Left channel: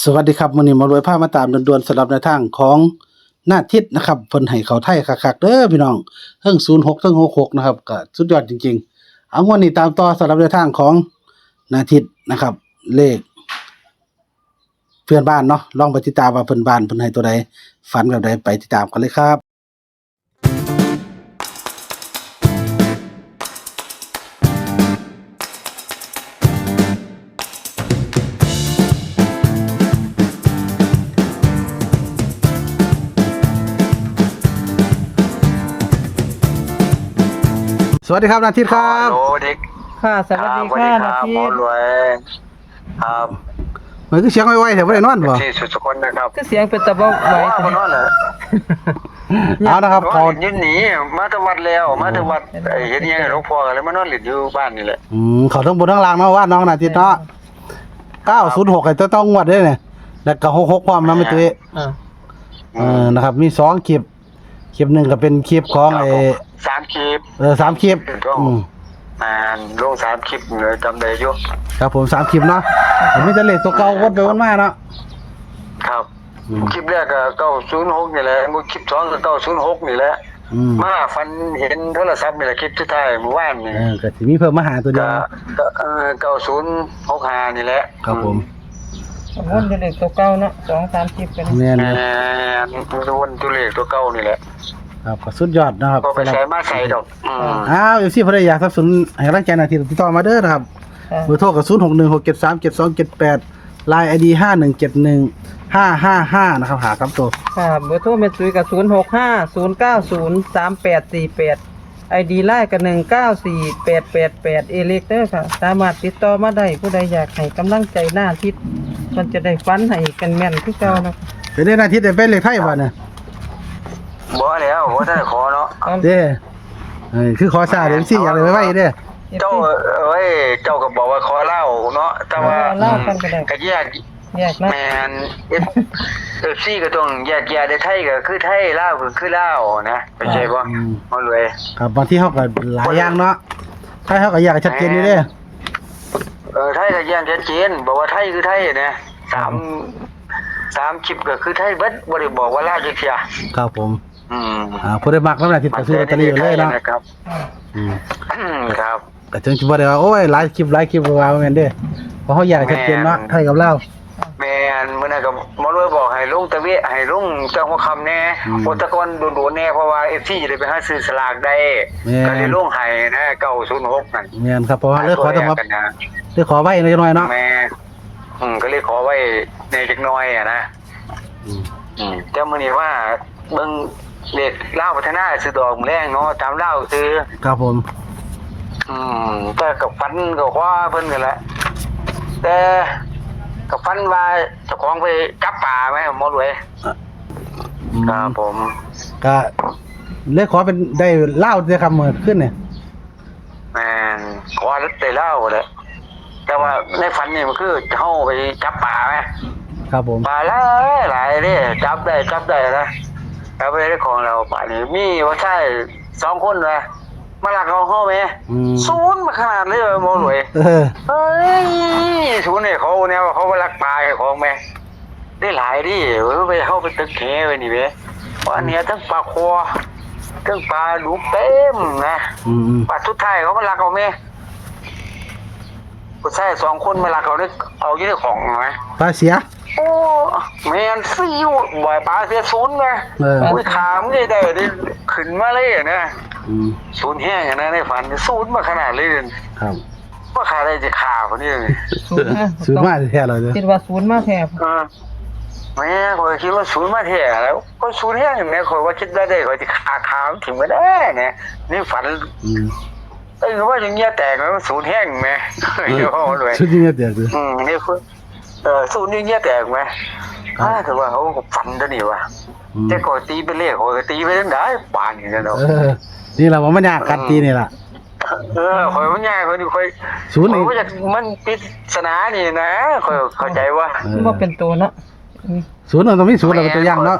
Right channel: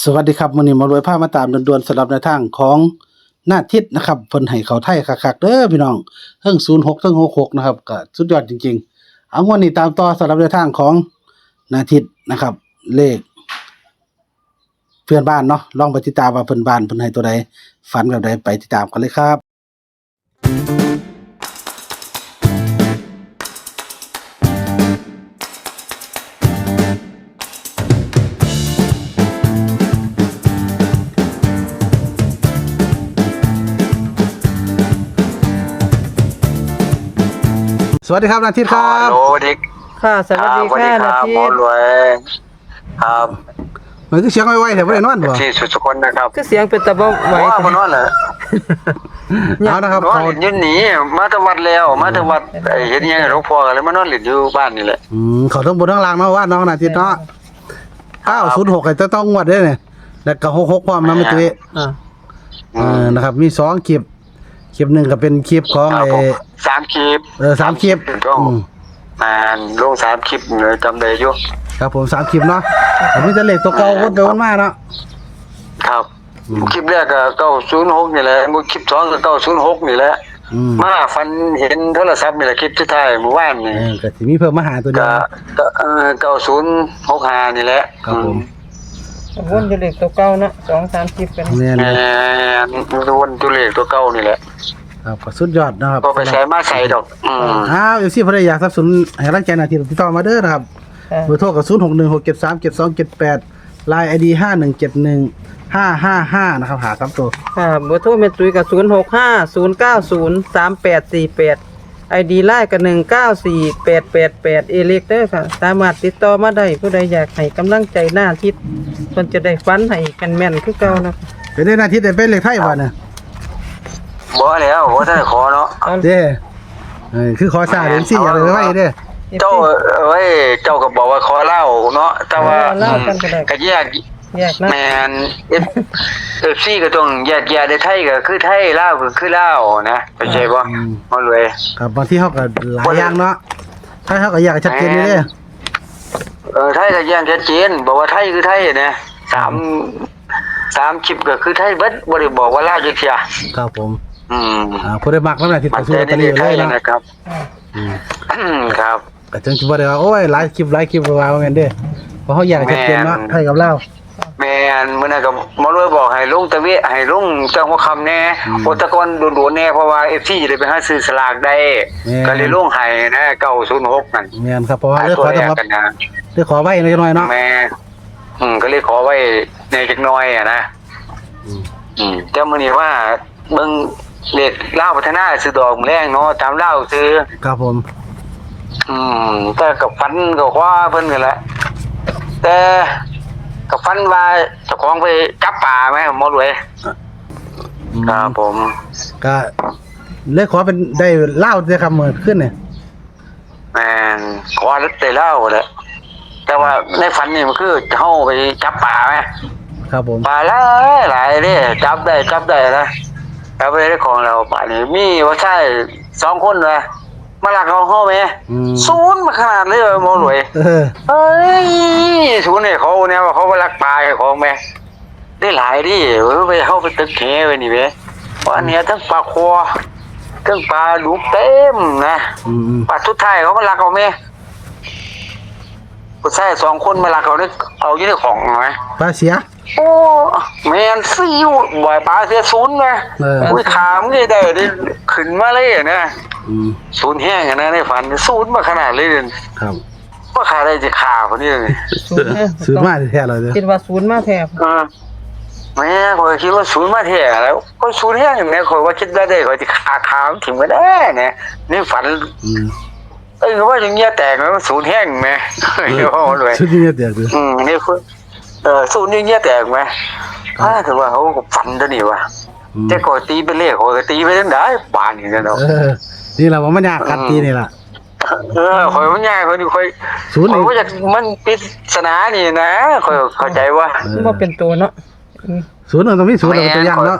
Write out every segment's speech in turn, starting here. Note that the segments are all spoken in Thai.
สวัสดีครับมื้อนี้หมารวยพามาตามด่วนๆสำหรับแนวทางของหน้าทิศนะครับเพิ่นให้เข้าไทยคักๆเด้อพี่น้องเทิง06เทิง66นะครับก็สุดยอดจริงๆเอางวดนี้ตามต่อสำหรับแนวทางของหน้าทิศนะครับเลขเพื่อนบ้านเนาะลองไปติดตามว่าเพิ่นบ้านเพิ่นให้ตัวใดฝันแบบใดไปติดตามกันเลยครับสวัสดีครับหน้าทิศครับ โอ้ดิก ค่ะสวัสดี สวัส ค่ะ ดีค นา รับ ที หมอรวยครับ มันคือเสียงไวๆแถวบ่ได้นอนบ่ ที่สุดสกลนะครับ ก็เสียงเป็นตะบกไหว ว่ามันนั่นแหละ เอานะครับเขา ยืนหนีมาตะวัดแล้วมาตะวัดเห็นยังหลวงพ่อกันแล้วมานอนหลินอยู่บ้านนี่แหละ เขาทั้งบนทั้งล่างเนาะว่าน้องหน้าทิศเนาะ906ให้ต้องงวดเด้อเนี่ยแล้วก็66พร้อมนะแม่ตุ้ย นะครับมี2คลิปหนึงก็เป็นคลิปของไอ้ 3 คลิป 3คลิปอืม ลง3 คลิปเลยจำได้อยู่ ครับผม3คลิปเนาะแต่มันจะเลขตัวเก่าวนไปวนมาเนาะ ครับคลิปแรกก็906นี่แหละคลิป2ก็906นี่แหละ มาฟันเห็นโทรศัพท์นี่แหละคลิปที่ท้ายเมื่อวานนี่ ก็สิมีเพิ่มมาหาตัวเดียว 9065นี่แหละ ครับผม วนอยู่เลขตัวเก่านะ2-3คลิปกัน แม่น แม่วนตัวเลขตัวเก่านี่แหละ ครับก็สุดยอดนะครับ ก็ไปใช้มาใส่ดอกFC เพิ่นอยากสนับสนุนให้กำลังใจหน้าที่ติดต่อมาเด้อนะครับเบอร์โทรก็0616737278 Line ID 51715555นะครับหาครับตัว ค่ะเบอร์โทรแม่ตุ้ยกับ0650903848 ID ไลน์กับ194888เอเล็กเด้อค่ะสามารถติดต่อมาได้ผู้ใดอยากให้กำลังใจหน้าทิศเพิ่นจะได้ฟันให้กันแม่นคือเก่านะ เป็นได้หน้าที่ได้เป็นเลขไทยบ่เนี่ย บ่แล้วบ่ทันได้ขอเนาะ เด้คือขอซาเดี๋ยวสิอยากได้ไว้เด้อ เจ้าเจ้าก็บอกว่าขอเล่าเนาะแต่ว่า เล่ากันก็ได้ ก็แยก แยกนะ แม่นFC ก็ต้องแยกแยะได้ไทยก็คือไทยลาวก็คือลาวนะเข้าใจบ่บ่รวย ครับบางที่เฮาก็หลายอย่างเนาะไทยเฮาก็อยากให้ชัดเจนอยู่เด้อ ไทยก็แยกชัดเจนบอกว่าไทยคือไทยนะ3คลิปก็คือไทยเบิดบ่ได้บอกว่าลาวจักเที่ย ครับผม อืม ผู้ใดมักนำหน้าที่ก็ซื้อลอตเตอรี่อยู่เลยเนาะ ครับ ครับ ก็จึงสิบ่ได้ว่าโอ้ยหลายคลิปว่าแม่นเด้เพราะเฮาอยากให้ชัดเจนเนาะไทยกับลาว แม่นมื้อนั้นก็หมอรวยบอกให้ลงตะเวะให้ลงจังหัวค่ำแน่โอตะกอนโดนๆแน่เพราะว่า FC จะได้ไปหาซื้อสลากได้ก็เลยลงให้นะ906นั่น แม่นครับเพราะว่าเลยขอต้อง กันนะ เลยขอไว้หน่อยเนาะ แม่ก็เลยขอไว้ในจักหน่อยนะแต่มื้อนี้ว่าเบิ่งเลขลาวพัฒนาซื้อดอกแรงเนาะตามลาวซื้อ ครับผม แต่กับฟันก็ว่าเพิ่นกันแหละแต่กับฟันว่าเจ้าของไปจับป่าไหมหมอรวยครับผม ก็เลยขอเป็นได้เล่าได้คำมื้อขึ้นเนี่ย แม่นขอได้เล่าแหละแต่ว่าในฝันนี่มันคือเฮาไปจับป่าไหม ครับผม ป่าหลายเด้จับได้นะจับได้ของเราป่านี่มีว่าใช่2คนว่ะมาลักเอาเฮาไหมศูนย์มาขนาดเลยหมอรวยเฮ้ยศูนย์เนี่ยเขาเนี่ยว่าเขาไปลักปลาของแม่ได้หลายดิไปเข้าไปตึกแหไปนี่เว้ยว่าเนี่ยทั้งปลาคอทั้งปลาดุกเต็มนะปลาทุดท้ายเขามาลักเอาแม่ผู้ชาย2 คนมาลักเอาเนี่ยเอาอยู่ในของไหม ปลาเสีย โอ้แม่นซิวบ่อยปลาเสียศูนย์ไงอุ้ยถามนี่ได้ดิขึ้นมาเลยนะศูนย์แห้งนะในฝันศูนย์มาขนาดเลยครับ ว่าขาได้จะขาคนนี้เลย ซื้อมาแท้เลยเด้อ คิดว่าศูนย์มาแทบ แม่คอยคิดว่าศูนย์มาแท้แล้วก็ศูนย์แห้งแม่คอยว่าคิดได้คอยจะขาถึงไม่ได้นะนี่ฝันว่าอย่างเงี้ยแตกแล้วศูนย์แห้งแม่โอ้เลย ชุดนี้แตกเลย นี่คือศูนย์อย่างเงี้ยแตกไหมถือว่าเขาฝันตัวนี้ว่ะแต่คอยตีไปเลขคอยตีไปตั้งได้ป่านอย่างนั้นเนาะ นี่แหละว่ามันยากกันตีนี่ล่ะ คอยมันง่ายคอยดูคอย ศูนย์นี่ ว่าจากมันปริศนานี่นะคอยเข้าใจว่า มันเป็นตัวเนาะ ศูนย์ต้องมีศูนย์เราเป็นตัวอย่างเนาะ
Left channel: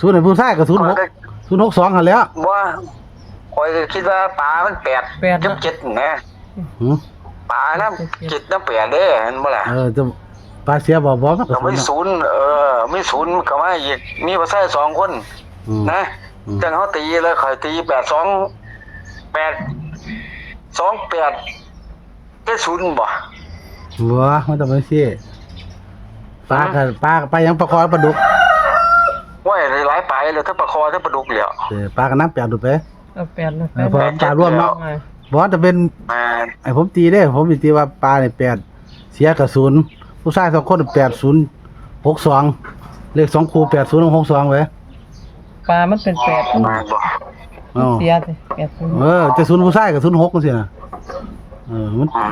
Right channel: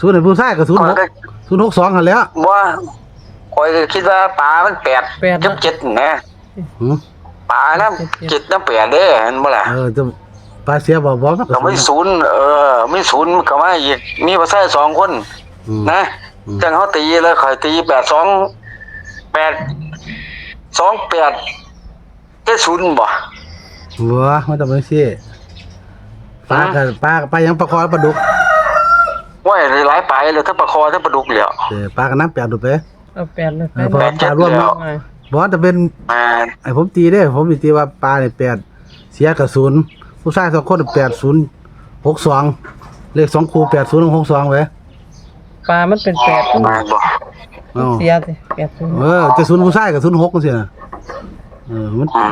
ศูนย์ในผู้ชายกับ0662หั่นแหล้ว ว่าคอยคิดว่าปลามัน8 7นะปลาน้ำ7 น้ำ8เด้เห็นบ่ล่ะ จะป ลาเสียบ่มันก็ ก็ไม่ ศูนย์ ศูนย์ไม่ศูนย์ก็มาอีกมีบ่ใช่2คน อืม นะจังเขาตีแล้วข่อยตี828 28ได้ศูนย์บ่ หัวมันต้องเป็นสิปลากับปลายังปลาคอปลาดุก ว่าหลายไปเลยถ้าปลาคอถ้าปลาดุกเหลียว ปลากับน้ำแปดดูไป เอาแปดนะ เพราะปลาร่วมเนาะบ่จะเป็น แม่น ไอ้ผมตีได้ผมตีว่าปลาเนี่ย8เสียกับ0ผู้ชาย2คน8062เลข2คู่8062ไว้ ปลามันเป็นแปด แม่นบ่ อ้าว เสียสิแปดศูนย์ จะ0ผู้ชายกับ06จังซี่น่ะ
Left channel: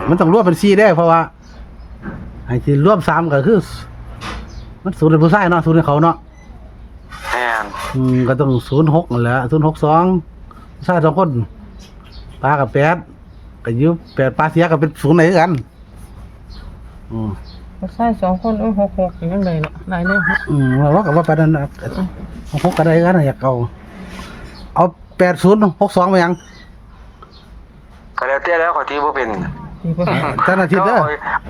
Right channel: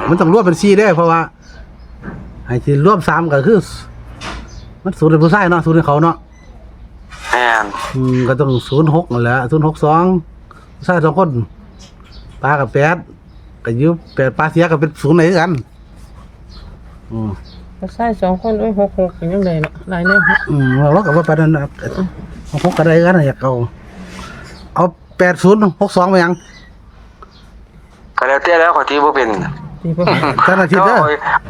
มันต้องรวมเป็น4ได้เพราะว่าไอ้ที่รวม3ก็คือมัน0เป็นผู้ชายเนาะ0เป็นเขาเนาะ แม่น ก็ต้อง06นั่นแหละ062ผู้ชาย2คนปลากับ8ก็อยู่8ปลาเสียก็เป็น0ไหนคือกันใช่2คน66ยังไงเนาะหลายเนี่ย ว่ากับว่าปานนั้น6ก็ได้กันอยากเอา8062มายัง ก็แล้วแต่แล้วขอยตีบ่เป็น ตีไป จันอาทิตย์เด้อ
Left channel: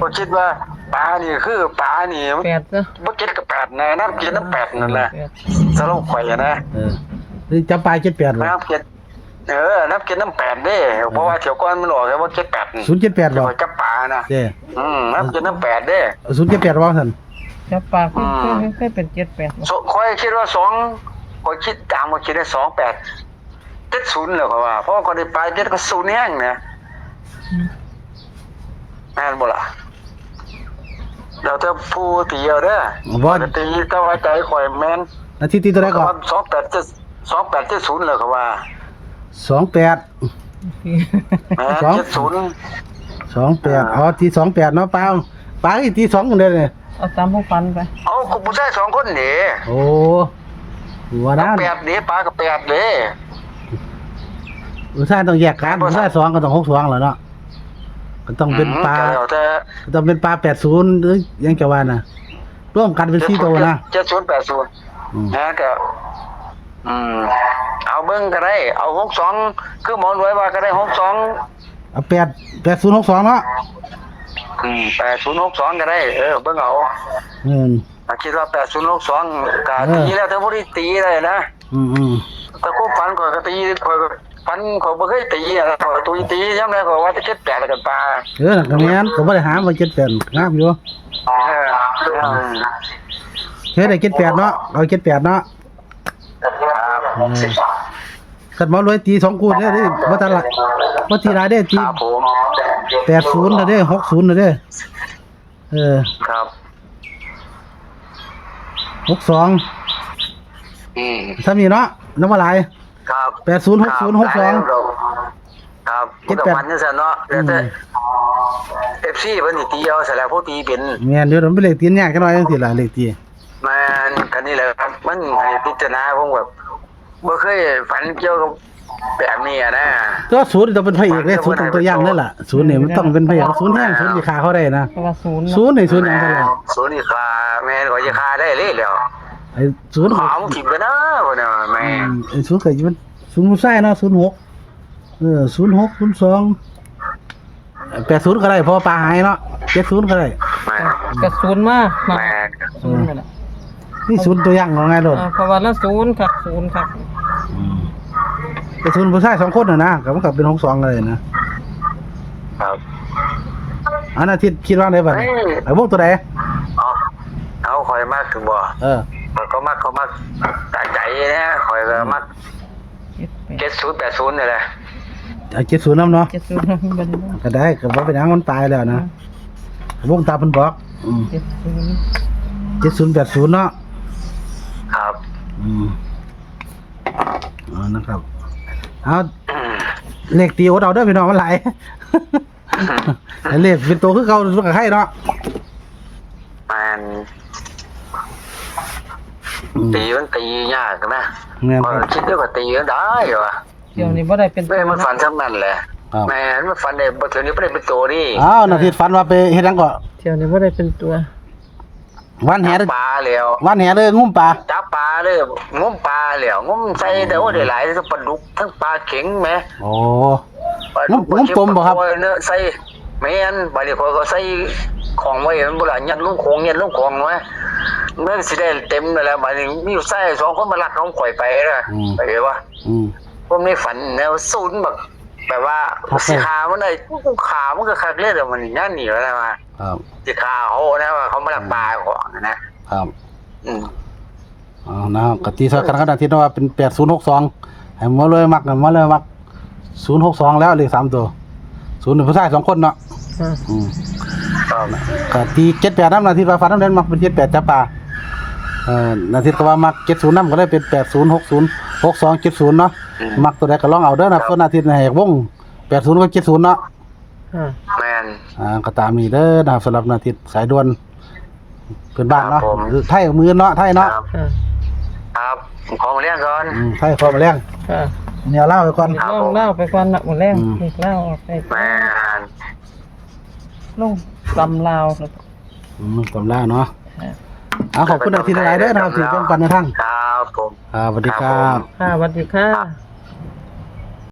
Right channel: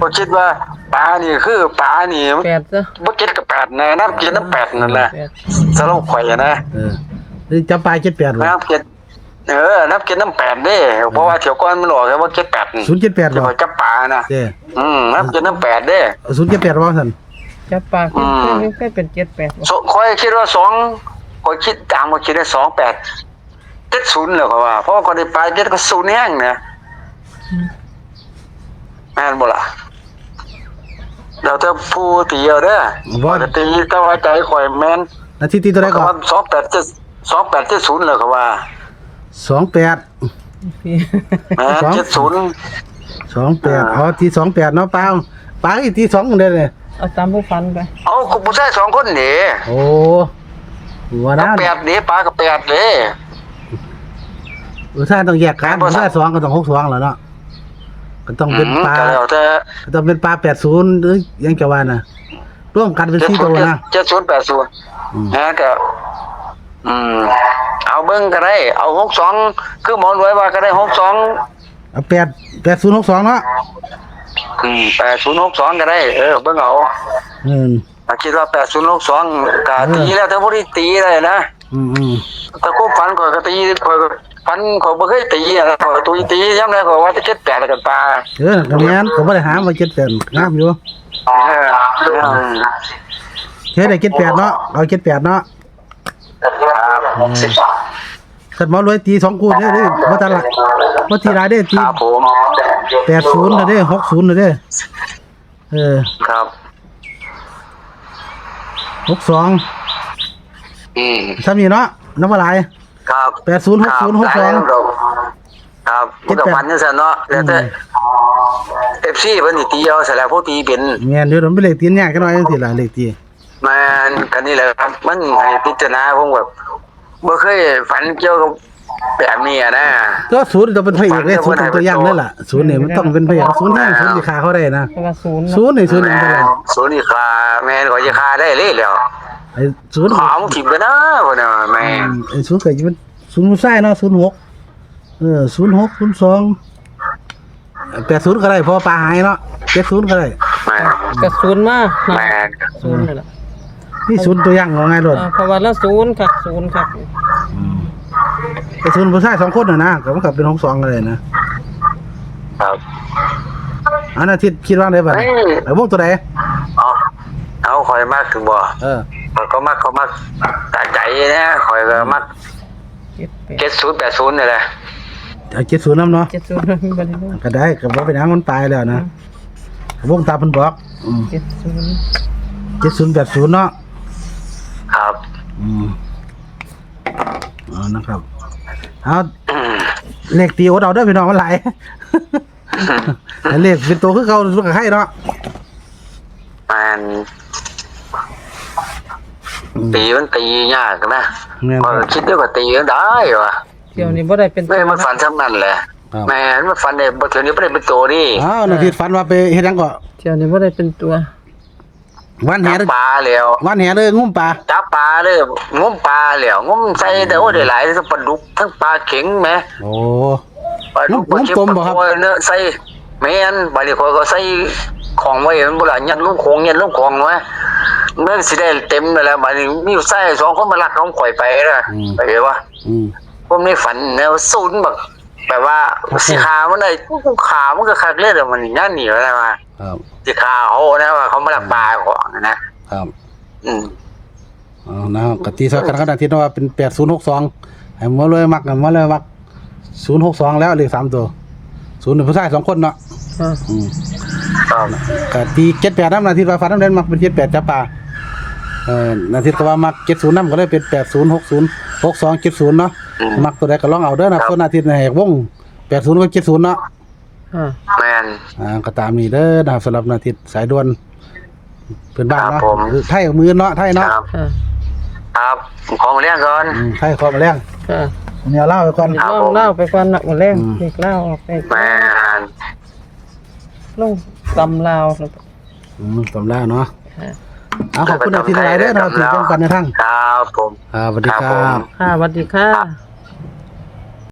บ่คิดว่าปลานี่คือปลานี่ แปดจ้ะ บ่เก็ดกับ8นะน้ำเก็ดน้ำ8นั่นแหละ แปด สรุปข่อยนะ นี่จับปลา78บ่ น้ำเก็ดน้ำเก็ดน้ำ8เด้เพราะว่าเที่ยวก่อนมันออกว่าเก็ด8 078บ่ ข่อยจับปลานะ เด้ น้ำเก็ดน้ำ8เด้ 078บ่ซั่น จับปลาเคยเป็น78 ข่อยคิดว่า2ข่อยคิดตามข่อยคิดว่า28 70แล้วก็ว่าเพราะว่าคนได้ปลาเก็ดก็0แห้งนะแม่นบ่ล่ะเราจะพูดตีเอาเด้อ บ่ ตีก็ว่าใจข่อยแม่น นาทีที่ตัวใดก่อน 2870แล้วก็ว่า 28 แม่น สอง 70 28อ๋อที่28เนาะปลาอีกที่2เด้อเนี่ย เอาตามผู้ฟันไป เอาคุณผู้ชาย2คนนี่ โอ้หัวนะ 8นี่ปลาก็8เด้ ผู้ชายต้องแยกกันผู้ชาย2ก็ต้อง62แล้วเนาะก็ต้องเป็นปลา แล้วแต่ ก็ต้องเป็นปลา80หรือยังจะว่าน่ะร่วมกันเป็น4ตัวนะ 7080นะก็เอาเบิ่งก็ได้เอา62คือหมอนไว้ว่าก็ได้62เอา8062เนาะ 8062ก็ได้เบิ่งเอา คิดว่า8062ก็ตีแล้วถ้าบ่ได้ตีได้นะ แต่กูฝันข่อยก็ตีข่อยก็ฝันข่อยบ่เคยตีอ่ะข่อยตียามใดข่อยว่าจะเก็บ8แล้วกันปลา ก็แม่นก็บ่ได้หามา78งามอยู่เฮ็ดได้78เนาะเอา78เนาะคันหมอรวยตี2คู่เด้อบ่ทันละบ่ตีหลายเด้อตี ครับผม 80น่ะเด้อ60น่ะเด้อ ครับ 62ซ้ำนี่เนาะนำบ่หลาย ครับ 80 60 62 ครับมันก็ฝันจังซั่นเนาะแล้วแต่ FC เพิ่นนี่ตีเอาซะแล้วผู้ตีเป็น แม่นเดี๋ยวมันเป็นเลขตีนยากจังหน่อยจังซี่ล่ะเลขตี มันก็นี่แหละครับมันให้พิจารณาผมแบบบ่เคยฝันเกี่ยวกับแบบนี้อะนะ ก็ศูนย์ต้องเป็นพระเอกเด้ศูนย์ต้องตัวอย่างนั่นล่ะศูนย์นี่มันต้องเป็นพระเอกศูนย์แห้งศูนย์สิฆ่าเขาได้นะ เพราะว่าศูนย์ ศูนย์นี่ศูนย์หยังตลอด ศูนย์นี่คาแม่นก็จะคาได้เลยแล้ว ไอ้ศูนย์ ขอมึงถิ่มไปนะพุ่นน่ะแม่ ไอ้ศูนย์ก็สิเป็นศูนย์ผู้ชายเนาะ06 06 02 80ก็ได้เพราะว่าปลาหายเนาะ70ก็ได้ แม่ กับศูนย์มากเนาะ แม่ ศูนย์เลยล่ะ นี่ศูนย์ตัวอย่างว่าไงโดด เพราะว่าละศูนย์ครับศูนย์ครับ แต่ศูนย์ผู้ชาย2คนน่ะนะก็มันก็เป็น62ก็ได้นะครับ อันอาทิตย์คิดว่าได้บัดนี้ไอ้วงตัวใด เอาข่อยมากถึงบ่ ข่อยก็มักเขามักตาใจนะข่อยก็มัก 7080นี่แหละ เอา70นำเนาะ 70บ่ได้ ก็ได้ก็บ่เป็นหยังมันตายแล้วนะวงตาเพิ่นบอก70 7080เนาะ ครับ นะครับเอาเลขตีโอดเอาเด้อพี่น้องมันหลาย แต่เลขเป็นตัวคือเก่าสุดกับใครเนาะ มันตีมันตียากนะ แม่น ข่อย ครับ คิดว่าตีกันได้ว่ะ เที่ยวนี้บ่ได้เป็น แม่มันฝันซ้ำนั่นแหละ ครับ แม่มันฝันได้บ่เทื่อนี้บ่ได้เป็นตัวนี่ อ้าวนาทีฝันว่าไปเฮ็ดหยังก็ เที่ยวนี้บ่ได้เป็นตัว วันแห จับปลาแล้ว วันแหเลยงุ้มปลา จับปลาเลยงมปลาแล้วงมใส่แต่ว่าได้หลายทั้งปลาดุกทั้งปลาเข็งแหม โอ้ ปลาดุก งมปมบ่ครับ ปลาเนื้อใส่แม่นบาดนี้ข่อยก็ใส่ ของไว้มันบ่ล่ะยันลูกของไว้เมื่อสิได้เต็มแล้วบัดนี้มีอยู่ไส้สองคนมาลักของข่อยไปนะไปเลยว่า ผมในฝันแนวศูนย์แบบว่าสิขามันได้ขามันก็คักเลยแต่มันนั่นหนีแล้วมาครับสิขาเขานะว่าเขามาลักปลาของนะครับนะครับกติกากันอาทิตย์ว่าเป็น8062ให้มาเลยมัก062แล้วเลข3ตัว0เป็นผู้ชาย2คนเนาะก็ตี78นำนาทีว่าฟ้าน้ำแดงมักเป็น78จับปลานาทีก็ว่ามัก70นำก็เลยเป็น8060 6270เนาะมักตัวใดก็ลองเอาเด้อนะส่วนนาทีให้วง80กับ70เนาะแม่นก็ตามนี้เด้อนะครับสำหรับนาทีสายด่วนเพิ่นบ้านเนาะไทยมือเนาะไทยเนาะครับของเลี้ยงก่อนไทยของมาเลี้ยงเนี่ยเล่าไปก่อนเล่าไปก่อนน่ะหมดแรงเด็กเล่าออกไปแม่นลงตำลาวตำลาวเนาะขอบคุณอาทิตย์หลายเด้อนะครับที่แบ่งปันในทางครับผมสวัสดีครับสวัสดีค่ะ